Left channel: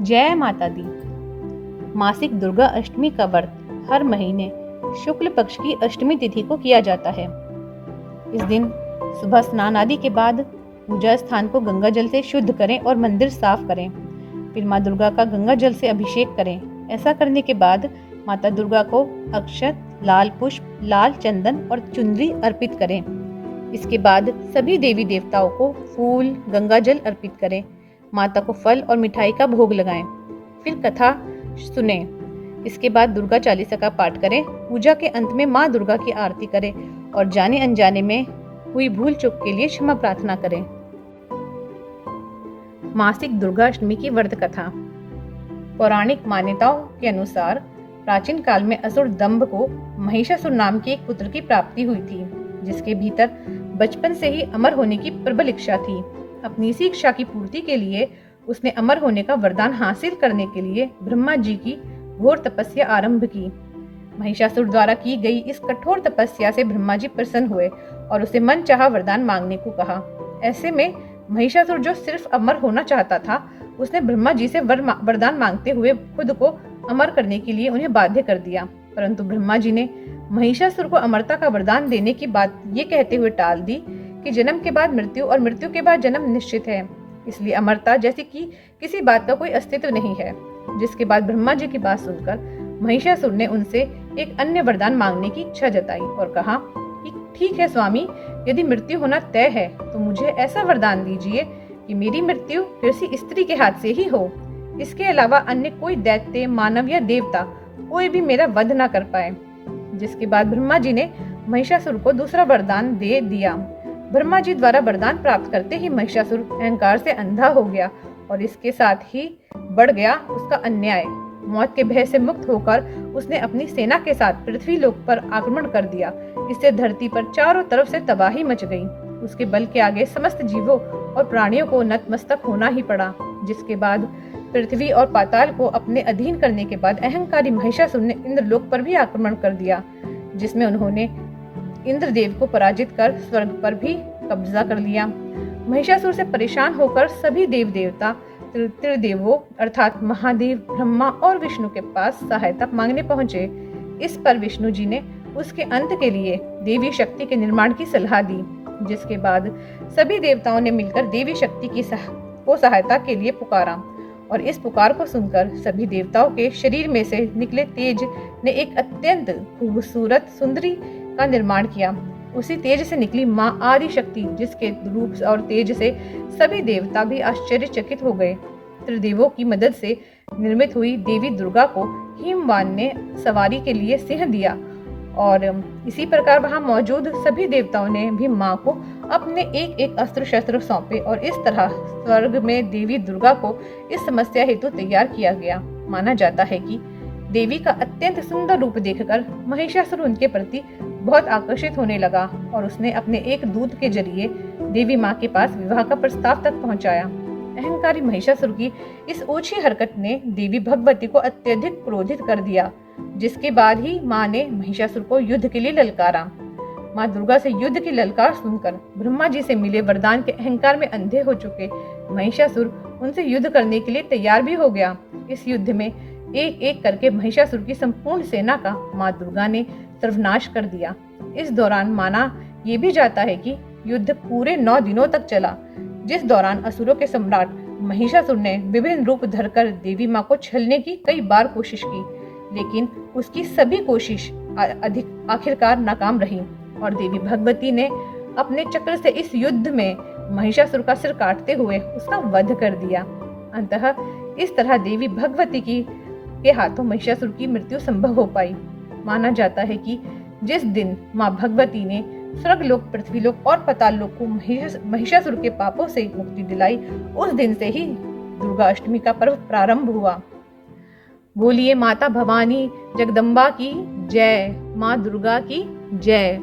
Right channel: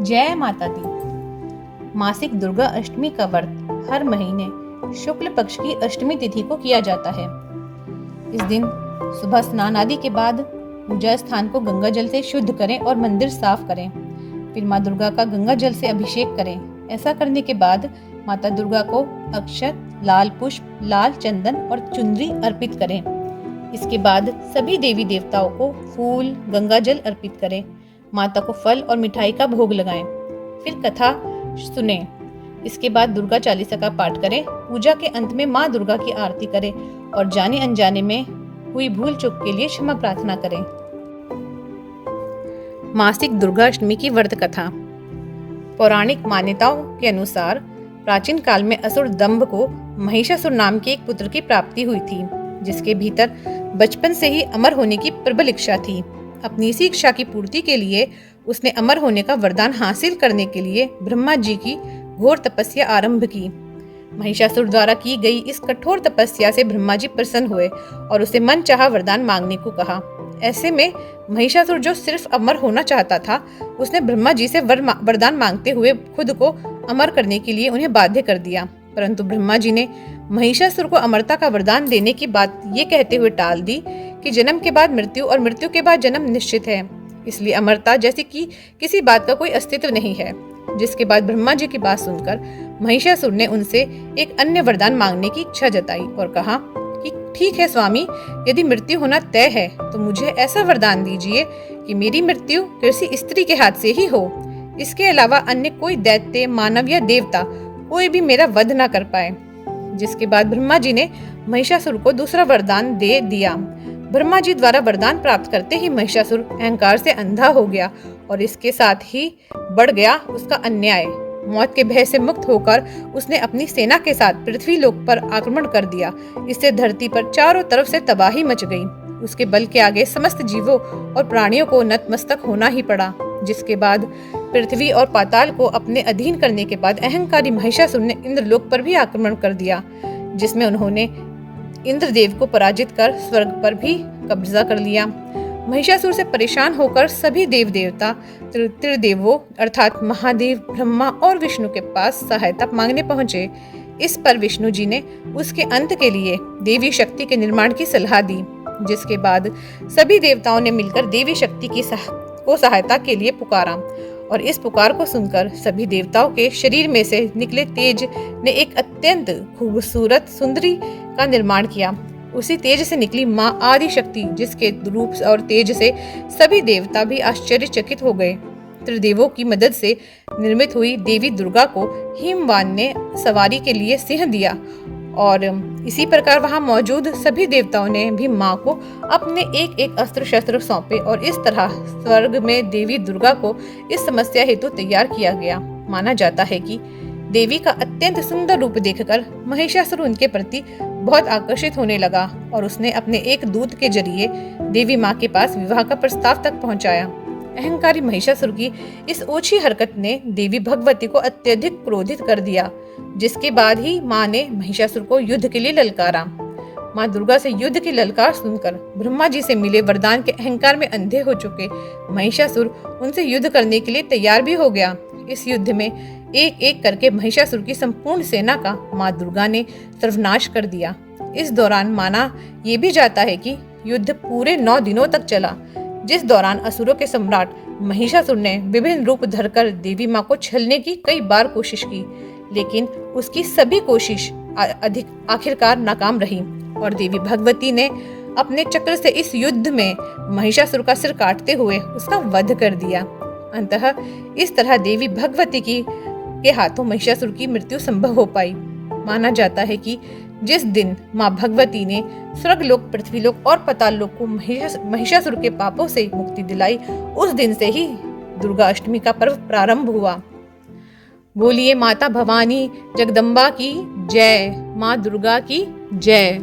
जय माता दी। मासिक दुर्गा अष्टमी का व्रत हर महीने शुक्ल पक्ष की अष्टमी तिथि को किया जाता है। इस दिन सुबह स्नान आदि के बाद पूजा स्थान को गंगा जल से शुद्ध करें और मंदिर साफ करें। फिर माँ दुर्गा का गंगा जल से अभिषेक करें। ऐसा करने के बाद माता दुर्गा को अक्षत, लाल पुष्प, लाल चंदन और चुनरी अर्पित करें। इसके बाद सभी देवी देवताओं को फूल, गंगा जल अर्पित करें। माता को फल और मिठाई का भोग लगाएं। फिर कथा सुनें। इसके बाद दुर्गा चालीसा का पाठ करें। पूजा के अंत में माँ दुर्गा की आरती करें और जाने अनजाने में हुई भूल चूक के लिए क्षमा प्रार्थना करें। मासिक दुर्गा अष्टमी की व्रत कथा। पौराणिक मान्यताओं के अनुसार प्राचीन काल में असुर दंभ को महिषासुर नाम के एक पुत्र की प्राप्ति हुई थी, जिसके भीतर बचपन से ही अमर होने की प्रबल इच्छा थी। अपनी इसी इच्छा की पूर्ति के लिए उसने अमर होने का वरदान हासिल करने के लिए ब्रह्मा जी की घोर तपस्या आरंभ की। महिषासुर द्वारा की गई इस कठोर तपस्या से ब्रह्मा जी प्रसन्न हुए और उसे मन चाहा वरदान मांगने को कहा। ऐसे में महिषासुर जो सिर्फ अमर होना चाहता था, उसने ब्रह्मा जी से वरदान मांगते हुए खुद को अमर करने के लिए उन्हें बाध्य कर दिया। परंतु ब्रह्मा जी ने महिषासुर को अमरता का वरदान देने की बात ये कहते हुए टाल दी कि जन्म के बाद मृत्यु और मृत्यु के बाद जन्म निश्चित है, इसलिए अमरता जैसी कि किसी बात का कोई अस्तित्व नहीं है। जिसके बाद ब्रह्मा जी की बात सुनकर महिषासुर ने उनसे एक अन्य वरदान मांगने की इच्छा जताई और कहा कि ठीक है स्वामी, यदि मृत्यु होना तय है तो मुझे ऐसा वरदान दीजिए कि मेरी मृत्यु किसी स्त्री के हाथ से ही हो। इसके अलावा अन्य कोई दैत्य, मानव या देवता कोई भी मेरा वध न कर पाए। जिसके बाद ब्रह्मा जी ने महिषासुर को दूसरा वरदान दे दिया। ब्रह्मा जी द्वारा वरदान प्राप्त करते ही महिषासुर अहंकार से अंधा हो गया और इसके साथ ही बढ़ गया उसका अन्याय। मौत के भय से मुक्त होकर उसने अपनी सेना के साथ पृथ्वी लोक पर आक्रमण कर दिया। इससे धरती पर चारों तरफ से तबाही मच गई। उसके बल के आगे समस्त जीवों और प्राणियों को नतमस्तक होना ही पड़ा। जिसके बाद पृथ्वी और पाताल को अपने अधीन करने के बाद अहंकारी महिषासुर ने इंद्रलोक पर भी आक्रमण कर दिया, जिसमें उन्होंने इंद्रदेव को पराजित कर स्वर्ग पर भी कब्जा कर लिया। महिषासुर से परेशान होकर सभी देव देवता त्रिदेवों अर्थात महादेव, ब्रह्मा और विष्णु के पास सहायता मांगने पहुंचे। इस पर विष्णु जी ने उसके अंत के लिए देवी शक्ति के निर्माण की सलाह दी। जिसके बाद सभी देवताओं ने मिलकर देवी शक्ति की सहायता के लिए पुकारा और इस पुकार को सुनकर सभी देवताओं के शरीर में से निकले तेज ने एक अत्यंत खूबसूरत सुंदरी का निर्माण किया। उसी तेज से निकली माँ आदि शक्ति, जिसके रूप और तेज से सभी देवता भी आश्चर्यचकित हो गए। त्रिदेवों की मदद से निर्मित हुई देवी दुर्गा को हिमवान ने सवारी के लिए सिंह दिया और इसी प्रकार वहां मौजूद सभी देवताओं ने भी माँ को अपने एक एक अस्त्र शस्त्र सौंपे और इस तरह स्वर्ग में देवी दुर्गा को इस समस्या हेतु तैयार किया गया। माना जाता है कि देवी का अत्यंत सुंदर रूप देखकर महिषासुर उनके प्रति बहुत आकर्षित होने लगा और उसने अपने एक दूत के जरिए देवी माँ के पास विवाह का प्रस्ताव तक पहुंचाया। अहंकारी महिषासुर की इस ओछी हरकत ने देवी भगवती को अत्यधिक क्रोधित कर दिया। जिसके बाद ही माँ ने महिषासुर को युद्ध के लिए ललकारा। माँ दुर्गा से युद्ध की ललकार सुनकर ब्रह्मा जी से मिले वरदान के अहंकार में अंधे हो चुके महिषासुर उनसे युद्ध करने के लिए तैयार भी हो गया। इस युद्ध में एक एक करके महिषासुर की संपूर्ण सेना का माँ दुर्गा ने सर्वनाश कर दिया। इस दौरान माना ये भी जाता है कि युद्ध पूरे 9 दिनों तक चला, जिस दौरान असुरों के सम्राट महिषासुर ने विभिन्न रूप धरकर देवी माँ को छलने की कई बार कोशिश की, लेकिन उसकी सभी कोशिश आखिरकार नाकाम रही और देवी भगवती ने अपने चक्र से इस युद्ध में महिषासुर का सिर काटते हुए उसका वध कर दिया। अंततः इस तरह देवी भगवती के हाथों महिषासुर की मृत्यु संभव हो पाई। माना जाता है कि जिस दिन माँ भगवती ने स्वर्गलोक, पृथ्वीलोक और पाताल लोक को महिषासुर के पापों से मुक्ति दिलाई, उस दिन से ही दुर्गा अष्टमी का पर्व प्रारंभ हुआ। बोलिए माता भवानी जगदम्बा की जय, माँ दुर्गा की जय।